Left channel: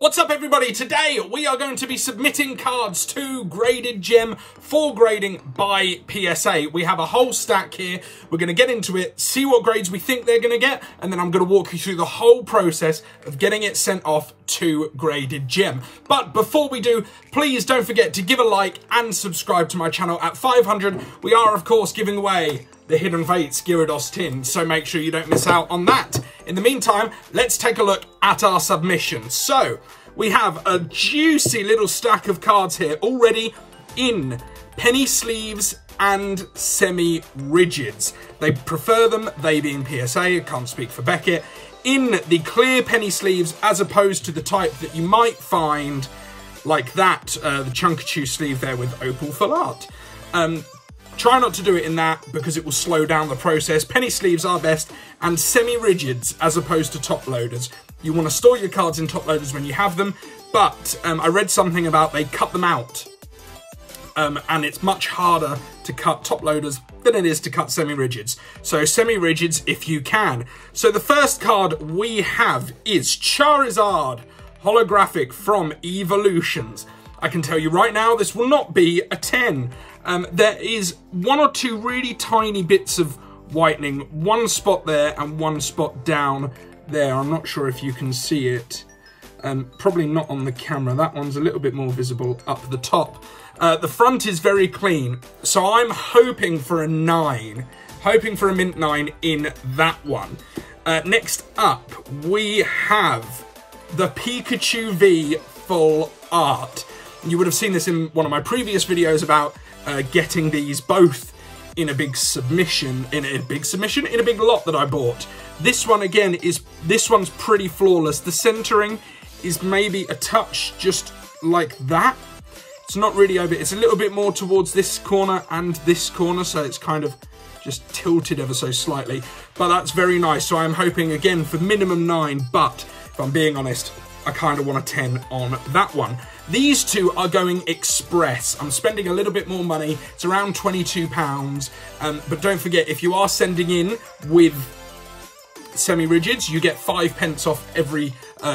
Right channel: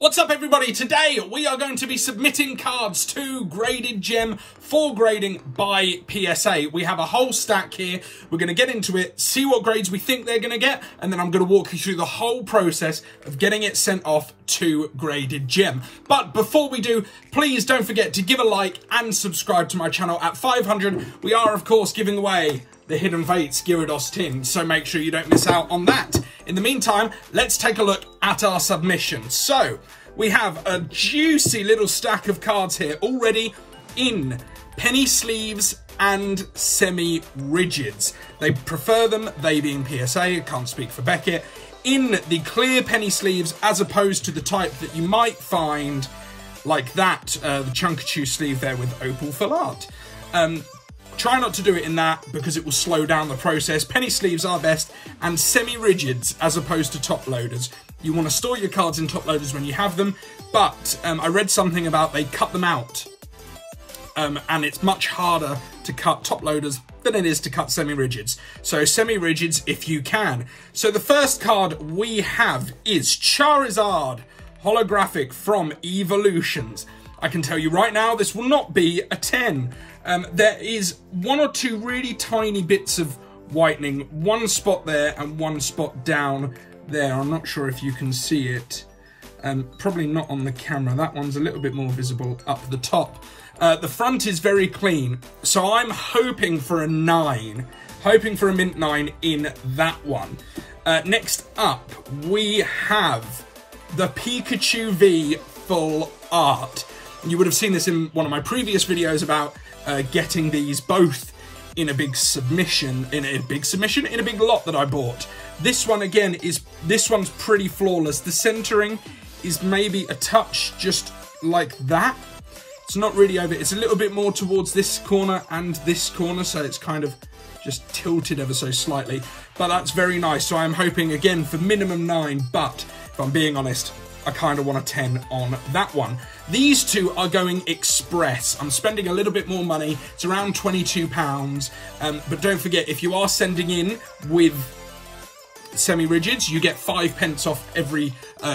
What's up everybody? Today we are going to be submitting cards to Graded Gem for grading by PSA. We have a whole stack here. We're going to get into it, see what grades we think they're going to get, and then I'm going to walk you through the whole process of getting it sent off to Graded Gem. But before we do, please don't forget to give a like and subscribe to my channel. At 500, we are of course giving away the Hidden Fates Gyarados tin, so make sure you don't miss out on that. In the meantime, let's take a look at our submission. So, we have a juicy little stack of cards here already in penny sleeves and semi-rigids. They prefer them, they being PSA, can't speak for Beckett, in the clear penny sleeves as opposed to the type that you might find like that, the Pikachu sleeve there with Opal Full Art. Try not to do it in that because it will slow down the process. Penny sleeves are best, and semi-rigids as opposed to top loaders. You want to store your cards in top loaders when you have them, but I read something about they cut them out. And it's much harder to cut top loaders than it is to cut semi-rigids. So semi-rigids if you can. So the first card we have is Charizard, holographic from Evolutions. I can tell you right now, this will not be a 10. There is one or two really tiny bits of whitening, one spot there and one spot down there. I'm not sure if you can see it. Probably not on the camera. That one's a little bit more visible up the top. The front is very clean, so I'm hoping for a 9. Hoping for a mint 9 in that one. Next up, we have the Pikachu V Full Art. You would have seen this in one of my previous videos about getting these both in a big submission, in a big lot that I bought. This one again this one's pretty flawless. The centering is maybe a touch just like that. It's not really over, it's a little bit more towards this corner and this corner, so it's kind of just tilted ever so slightly, but that's very nice. So I'm hoping again for minimum 9, but if I'm being honest, I kind of want a 10 on that one. These two are going express. I'm spending a little bit more money. It's around £22. But don't forget, if you are sending in with semi-rigids, you get 5p off every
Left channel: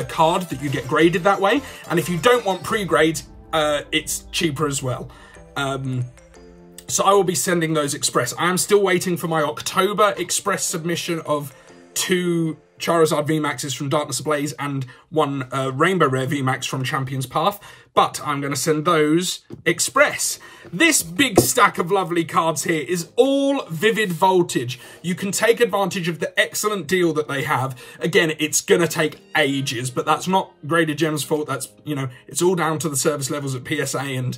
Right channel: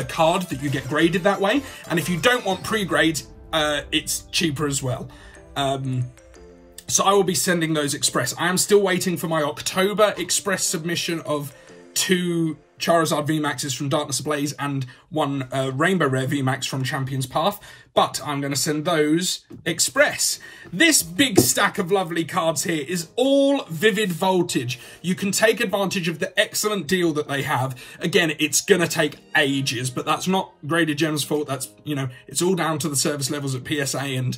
card that you get graded that way. And if you don't want pre-grades, it's cheaper as well. So I will be sending those express. I am still waiting for my October express submission of 2 Charizard VMAXs from Darkness Ablaze and 1 Rainbow Rare VMAX from Champion's Path, but I'm going to send those express. This big stack of lovely cards here is all Vivid Voltage. You can take advantage of the excellent deal that they have. Again, it's going to take ages, but that's not Graded Gem's fault. That's, you know, it's all down to the service levels at PSA, and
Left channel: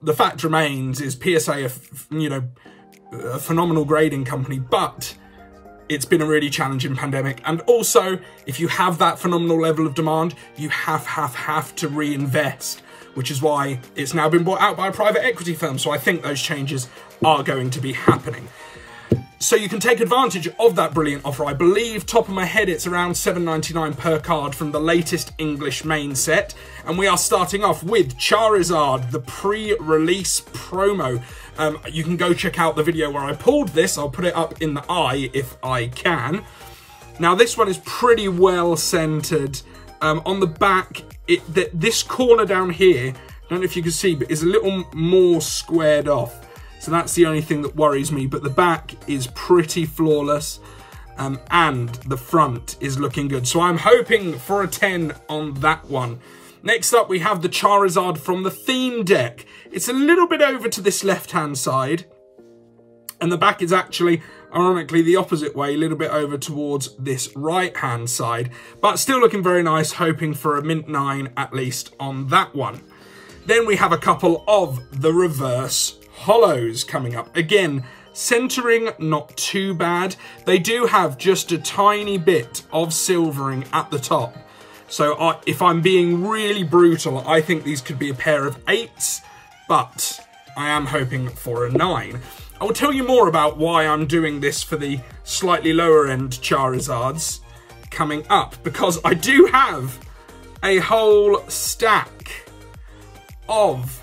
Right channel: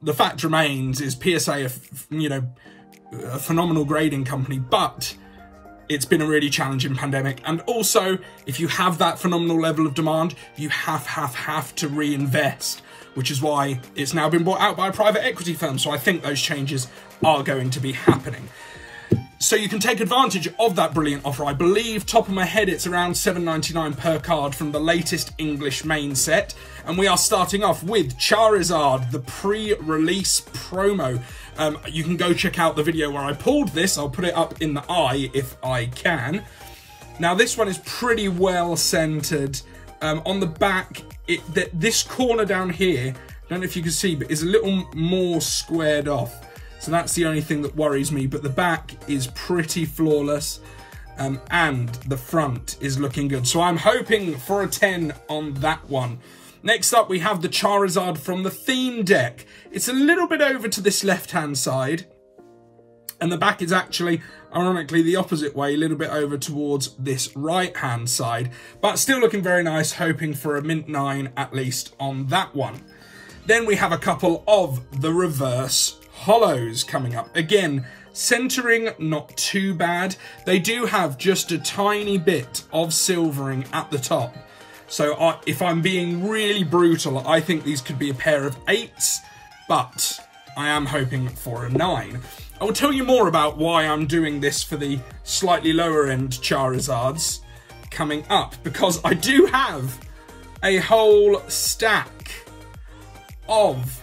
the fact remains is PSA, a phenomenal grading company, but it's been a really challenging pandemic. And also, if you have that phenomenal level of demand, you have to reinvest, which is why it's now been bought out by a private equity firm. So I think those changes are going to be happening. So you can take advantage of that brilliant offer. I believe, top of my head, it's around $7.99 per card from the latest English main set. And we are starting off with Charizard, the pre-release promo. You can go check out the video where I pulled this. I'll put it up in the eye if I can. Now this one is pretty well centered. On the back, this corner down here, I don't know if you can see, but is a little more squared off. So that's the only thing that worries me, but the back is pretty flawless, and the front is looking good. So I'm hoping for a 10 on that one. Next up, we have the Charizard from the theme deck. It's a little bit over to this left-hand side, and the back is actually, ironically, the opposite way, a little bit over towards this right-hand side, but still looking very nice, hoping for a mint 9 at least on that one. Then we have a couple of the reverse hollows coming up. Again, centering not too bad. They do have just a tiny bit of silvering at the top. So if I'm being really brutal, I think these could be a pair of 8s, but I am hoping for a 9. I will tell you more about why I'm doing this for the slightly lower end Charizards coming up, because I do have a whole stack of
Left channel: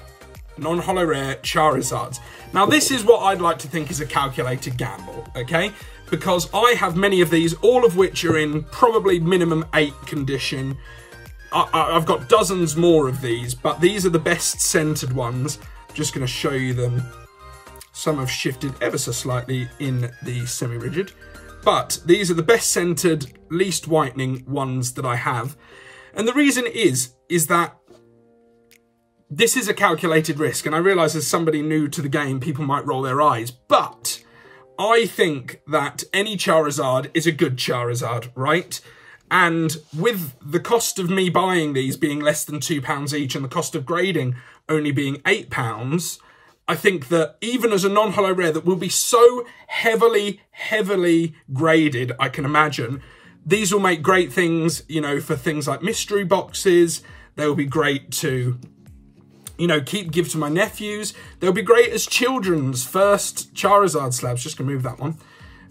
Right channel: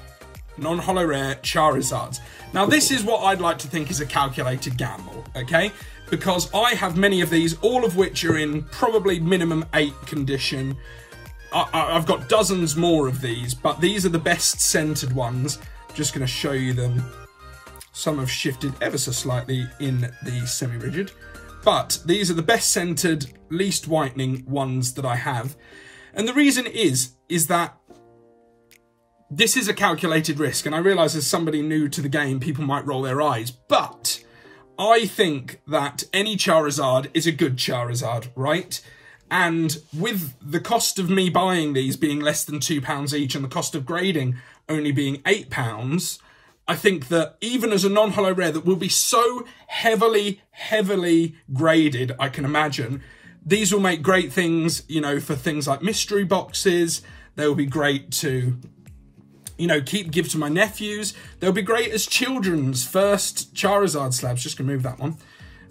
non-holo rare Charizards. Now this is what I'd like to think is a calculated gamble, okay? Because I have many of these, all of which are in probably minimum 8 condition. I've got dozens more of these, but these are the best centered ones. Just going to show you them. Some have shifted ever so slightly in the semi-rigid, but these are the best centered, least whitening ones that I have. And the reason is that this is a calculated risk, and I realise as somebody new to the game, people might roll their eyes, but I think that any Charizard is a good Charizard, right? And with the cost of me buying these being less than £2 each and the cost of grading only being £8, I think that even as a non-holo rare that will be so heavily graded, I can imagine, these will make great things, you know, for things like mystery boxes. They'll be great to, you know, give to my nephews. They'll be great as children's first Charizard slabs. Just gonna move that one.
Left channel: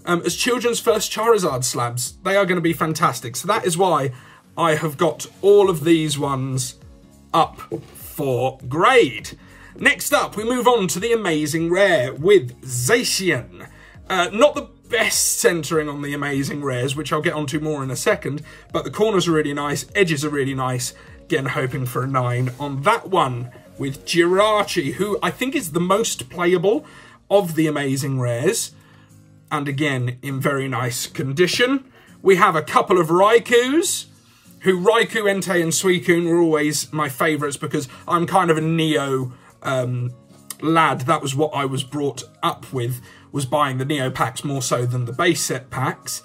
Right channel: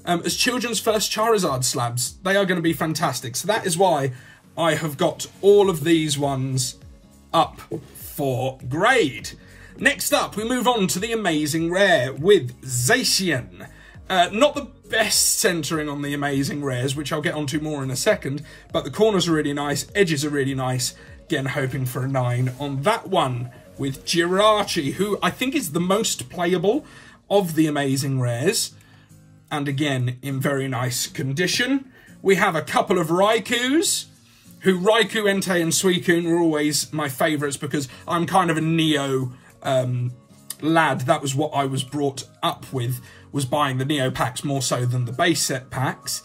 As children's first Charizard slabs, they are going to be fantastic. So that is why I have got all of these ones up for grade. Next up, we move on to the Amazing Rare with Zacian. Not the best centering on the Amazing Rares, which I'll get onto more in a second, but the corners are really nice, edges are really nice. Again, hoping for a 9 on that one with Jirachi, who I think is the most playable of the Amazing Rares. And again, in very nice condition. We have a couple of Raikus, who Raikou, Entei and Suicune were always my favourites because I'm kind of a Neo lad. That was what I was brought up with, was buying the Neo packs more so than the base set packs.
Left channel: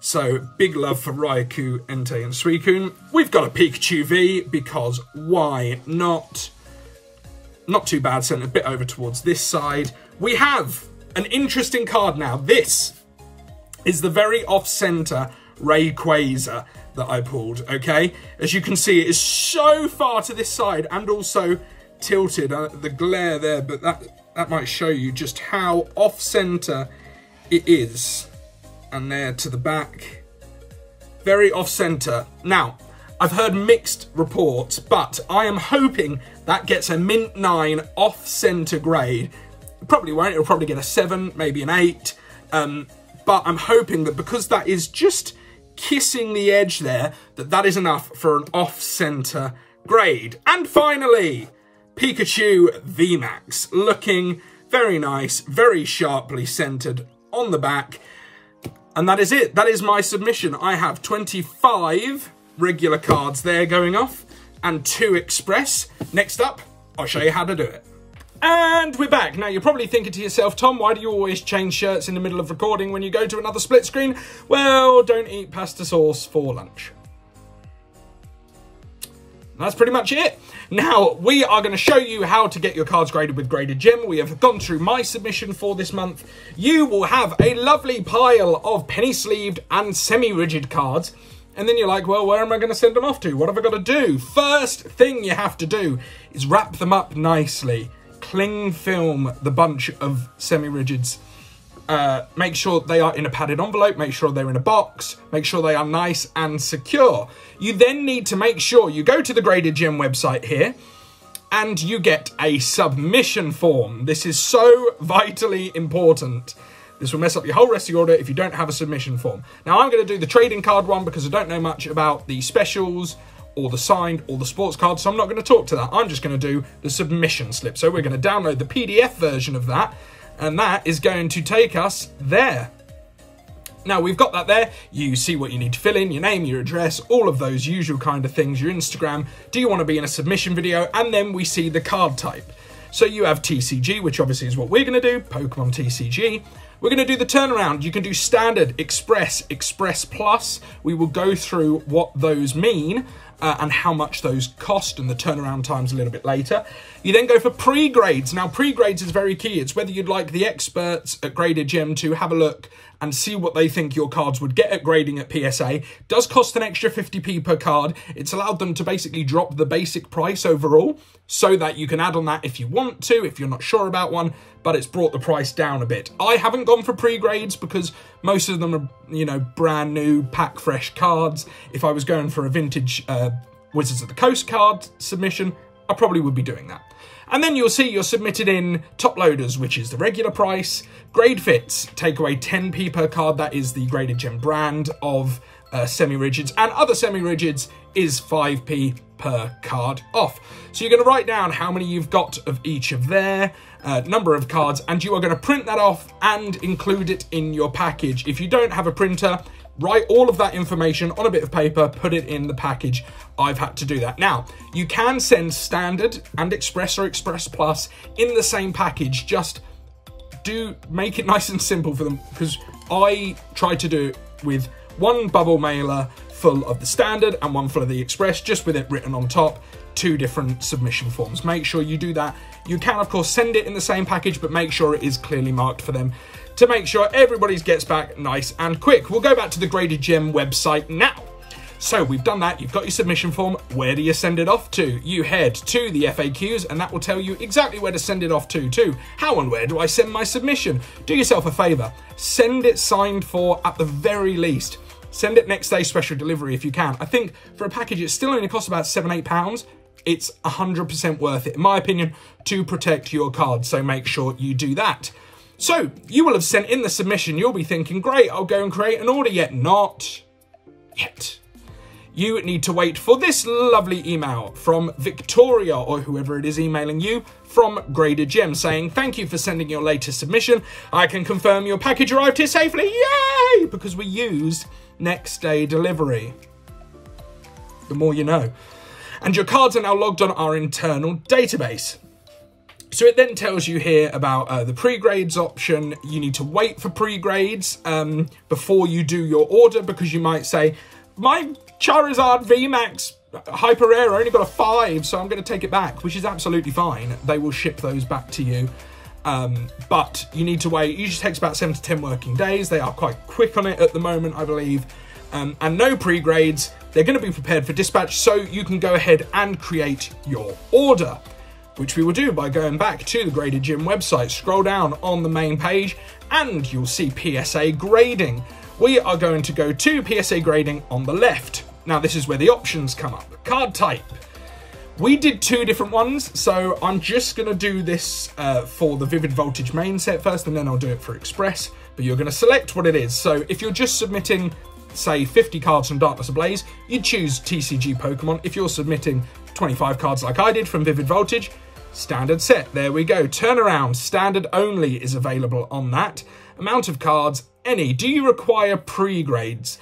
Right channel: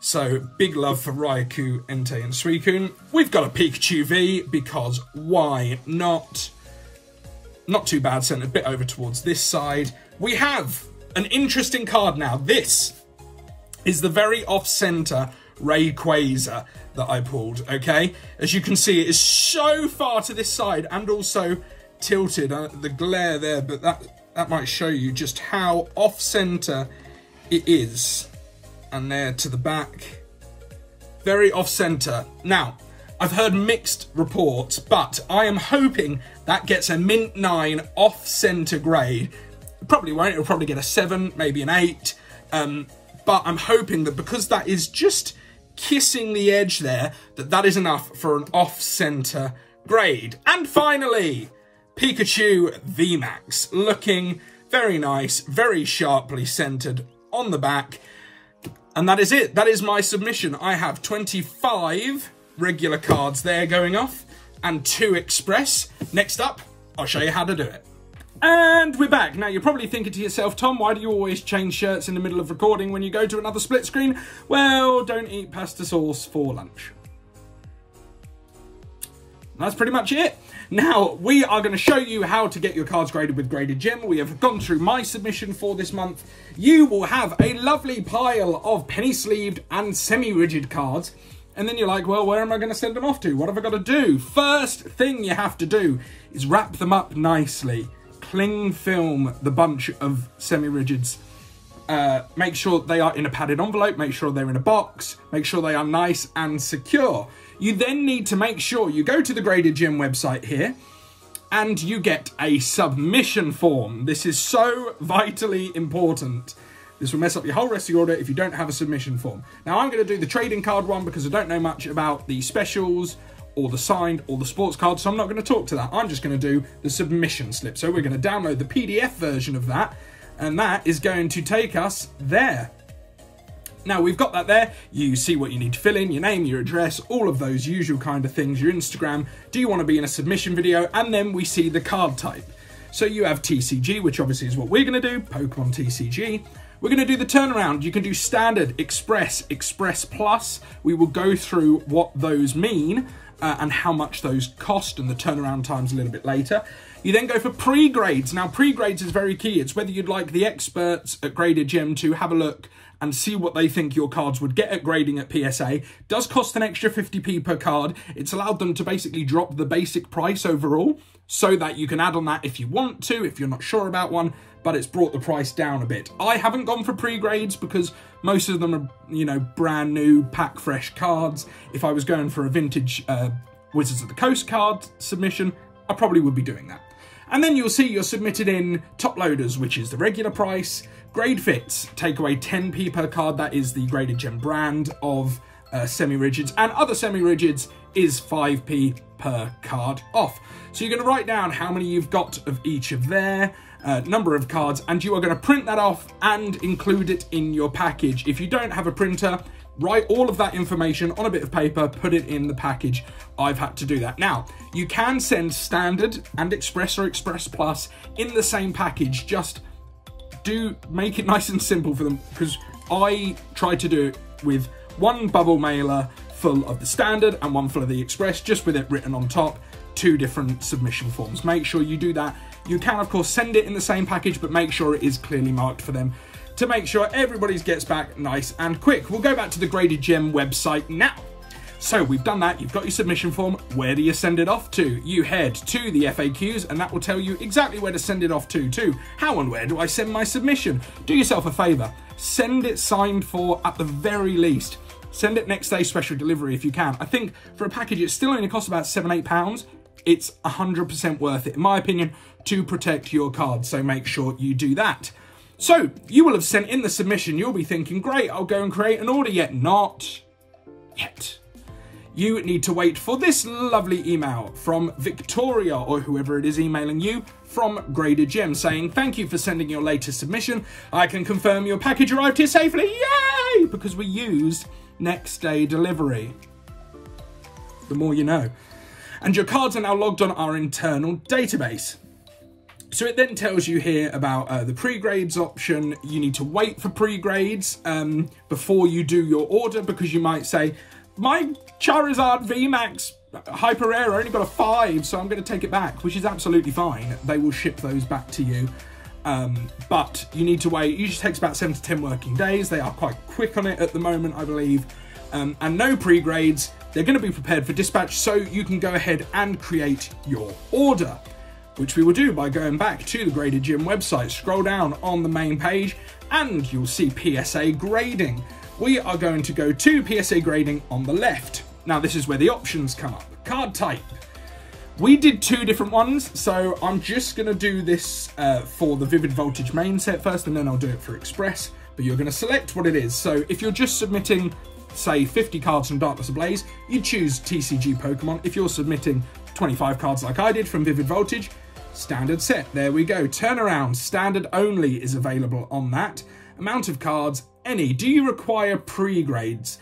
So big love for Raikou, Entei and Suicune. We've got a Pikachu V because why not? Not too bad, sent a bit over towards this side. We have an interesting card now. This is the very off-center Rayquaza that I pulled, okay? As you can see, it is so far to this side and also tilted. The glare there, but that might show you just how off-center it is. And there to the back. Very off-center. Now, I've heard mixed reports, but I am hoping that gets a mint 9 off-center grade. It probably won't. It'll probably get a 7, maybe an 8. But I'm hoping that because that is just kissing the edge there, that is enough for an off-center grade. And finally, Pikachu VMAX, looking very nice, very sharply centered on the back. And that is it. That is my submission. I have 25 regular cards there going off and 2 express. Next up, I'll show you how to do it. And we're back. Now, you're probably thinking to yourself, Tom, why do you always change shirts in the middle of recording when you go to another split screen? Well, don't eat pasta sauce for lunch. That's pretty much it. Now, we are going to show you how to get your cards graded with Graded Gem. We have gone through my submission for this month. You will have a lovely pile of penny-sleeved and semi-rigid cards. And then you're like, well, where am I going to send them off to? What have I got to do? First thing you have to do is wrap them up nicely. Cling film the bunch of semi-rigids. Make sure they are in a padded envelope. Make sure they're in a box. Make sure they are nice and secure. You then need to make sure you go to the Graded Gem website here and you get a submission form. This is so vitally important. This will mess up your whole rest of your order if you don't have a submission form. Now, I'm going to do the trading card one because I don't know much about the specials or the signed or the sports cards, so I'm not going to talk to that. I'm just going to do the submission slip. So we're going to download the PDF version of that, and that is going to take us there. Now, we've got that there. You see what you need to fill in, your name, your address, all of those usual kind of things, your Instagram. Do you want to be in a submission video? And then we see the card type. So you have TCG, which obviously is what we're going to do, Pokemon TCG. We're going to do the turnaround. You can do standard, express, express plus. We will go through what those mean and how much those cost and the turnaround times a little bit later. You then go for pre-grades. Now, pre-grades is very key. It's whether you'd like the experts at Graded Gem to have a look and see what they think your cards would get at grading at PSA. It does cost an extra 50p per card. It's allowed them to basically drop the basic price overall so that you can add on that if you want to, if you're not sure about one, but it's brought the price down a bit. I haven't gone for pre-grades because most of them are, you know, brand new, pack fresh cards. If I was going for a vintage Wizards of the Coast card submission, I probably would be doing that. And then you'll see you're submitted in top loaders, which is the regular price. Grade fits, take away 10p per card. That is the Graded Gem brand of semi-rigids, and other semi-rigids is 5p per card off. So you're going to write down how many you've got of each of their number of cards, and you are going to print that off and include it in your package. If you don't have a printer, write all of that information on a bit of paper, put it in the package. I've had to do that. Now, you can send standard and express or express plus in the same package. Just do make it nice and simple for them, because I tried to do it with one bubble mailer full of the standard and one full of the express, just with it written on top, 2 different submission forms. Make sure you do that. You can, of course, send it in the same package, but make sure it is clearly marked for them to make sure everybody's gets back nice and quick. We'll go back to the Graded Gem website now. So we've done that. You've got your submission form. Where do you send it off to? You head to the FAQs, and that will tell you exactly where to send it off to. How and where do I send my submission? Do yourself a favour. Send it signed for at the very least. Send it next day special delivery if you can. I think for a package, it still only costs about £7, £8. It's 100% worth it, in my opinion, to protect your cards. So make sure you do that. So you will have sent in the submission. You'll be thinking, great, I'll go and create an order. Yet not yet. You need to wait for this lovely email from Victoria, or whoever it is emailing you, from Graded Gem, saying, thank you for sending your latest submission. I can confirm your package arrived here safely. Yay! Because we used next day delivery. The more you know. And your cards are now logged on our internal database. So it then tells you here about the pre-grades option. You need to wait for pre-grades before you do your order, because you might say, my Charizard VMAX Hyper Rare only got a 5, so I'm going to take it back, which is absolutely fine. They will ship those back to you. But you need to wait. It usually takes about 7 to 10 working days. They are quite quick on it at the moment, I believe. And no pre-grades. They're going to be prepared for dispatch, so you can go ahead and create your order, which we will do by going back to the Graded Gem website. Scroll down on the main page and you'll see PSA Grading. We are going to go to PSA Grading on the left. Now this is where the options come up. Card type. We did 2 different ones, so I'm just going to do this for the Vivid Voltage main set first, and then I'll do it for Express. But you're going to select what it is. So if you're just submitting, say, 50 cards from Darkness Ablaze, you choose TCG Pokemon. If you're submitting 25 cards like I did from Vivid Voltage, standard set. There we go. Turnaround, standard only is available on that. Amount of cards, any. Do you require pre-grades?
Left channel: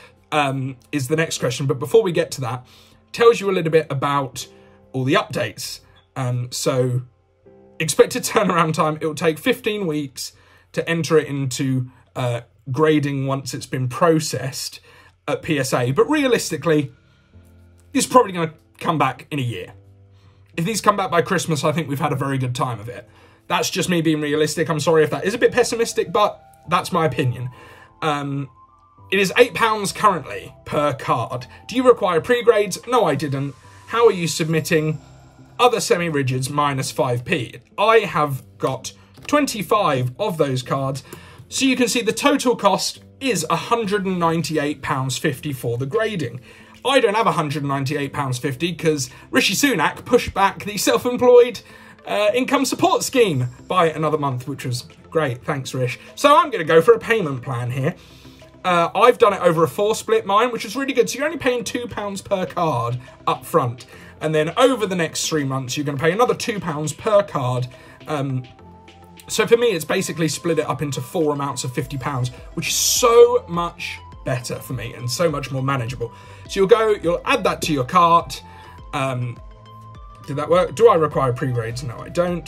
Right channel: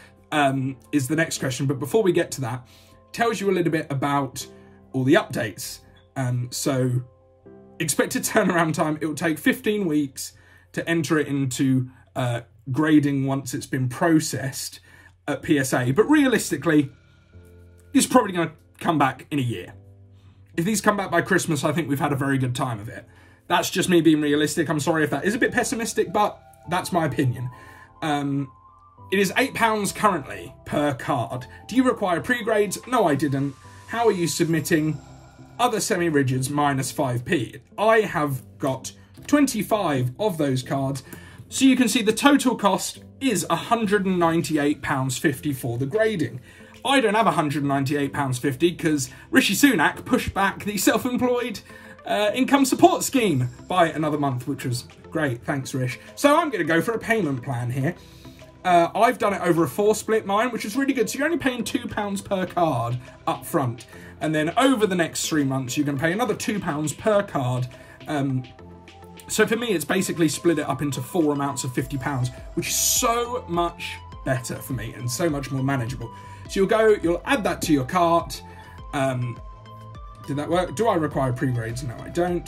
Is the next question. But before we get to that, tells you a little bit about all the updates. So expected turnaround time, it will take 15 weeks to enter it into grading once it's been processed at PSA. But realistically, it's probably going to come back in a year. If these come back by Christmas, I think we've had a very good time of it. That's just me being realistic. I'm sorry if that is a bit pessimistic, but that's my opinion. It is £8 currently per card. Do you require pre-grades? No, I didn't. How are you submitting? Other semi-rigids minus 5p. I have got 25 of those cards. So you can see the total cost is £198.50 for the grading. I don't have £198.50 because Rishi Sunak pushed back the self-employed income support scheme by another month, which was great. Thanks, Rish. So I'm going to go for a payment plan here. I've done it over a 4-split mine, which is really good. So you're only paying £2 per card up front. And then over the next 3 months, you're going to pay another £2 per card. So for me, it's basically split it up into 4 amounts of £50, which is so much better for me and so much more manageable. So you'll add that to your cart. Did that work? Do I require pre-grades? No, I don't.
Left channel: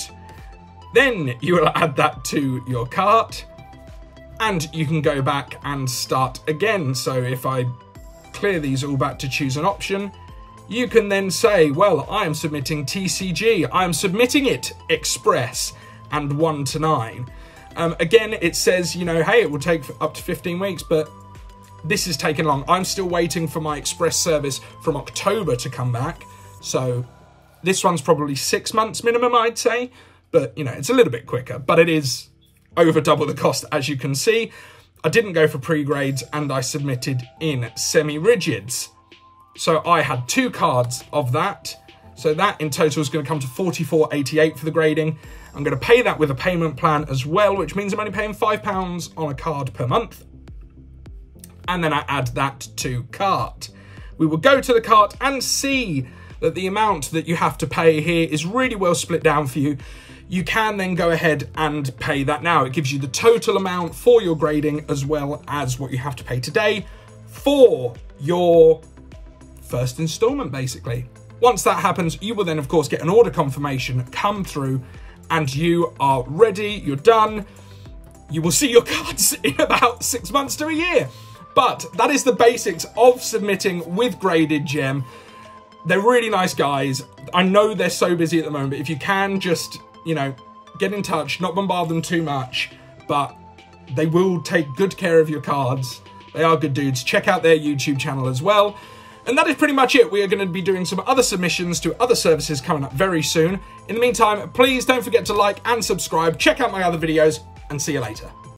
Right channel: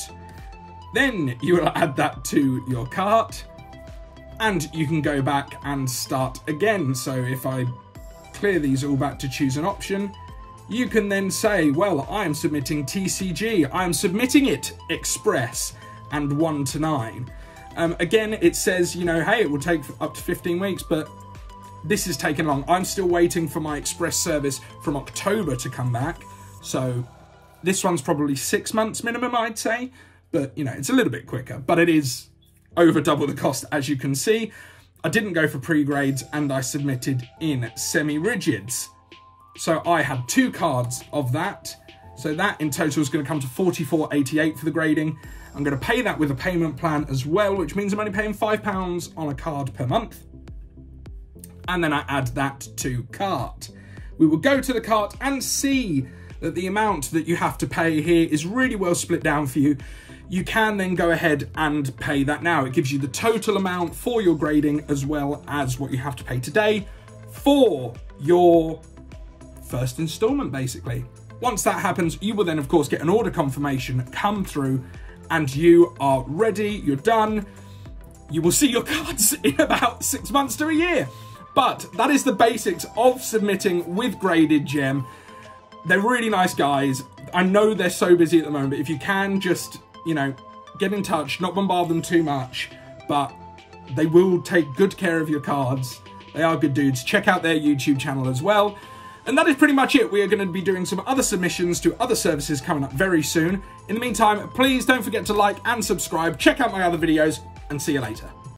Then you will add that to your cart and you can go back and start again. So if I clear these all back to choose an option, you can then say, well, I am submitting TCG. I am submitting it Express and 1 to 9. Again, it says, you know, hey, it will take up to 15 weeks, but this is taking long. I'm still waiting for my Express service from October to come back. So this one's probably 6 months minimum, I'd say. But, you know, it's a little bit quicker. But it is over double the cost, as you can see. I didn't go for pre-grades and I submitted in semi-rigids. So I had 2 cards of that. So that in total is going to come to $44.88 for the grading. I'm going to pay that with a payment plan as well, which means I'm only paying £5 on a card per month. and then I add that to cart. We will go to the cart and see that the amount that you have to pay here is really well split down for you. You can then go ahead and pay that now. It gives you the total amount for your grading as well as what you have to pay today for your first installment, basically. Once that happens, you will then, of course, get an order confirmation come through and you are ready, you're done. You will see your cards in about 6 months to a year. But that is the basics of submitting with Graded Gem. They're really nice guys. I know they're so busy at the moment, but if you can just, you know, get in touch, not bombard them too much, but they will take good care of your cards. They are good dudes. Check out their YouTube channel as well. And that is pretty much it. We are going to be doing some other submissions to other services coming up very soon. In the meantime, please don't forget to like and subscribe. Check out my other videos and see you later.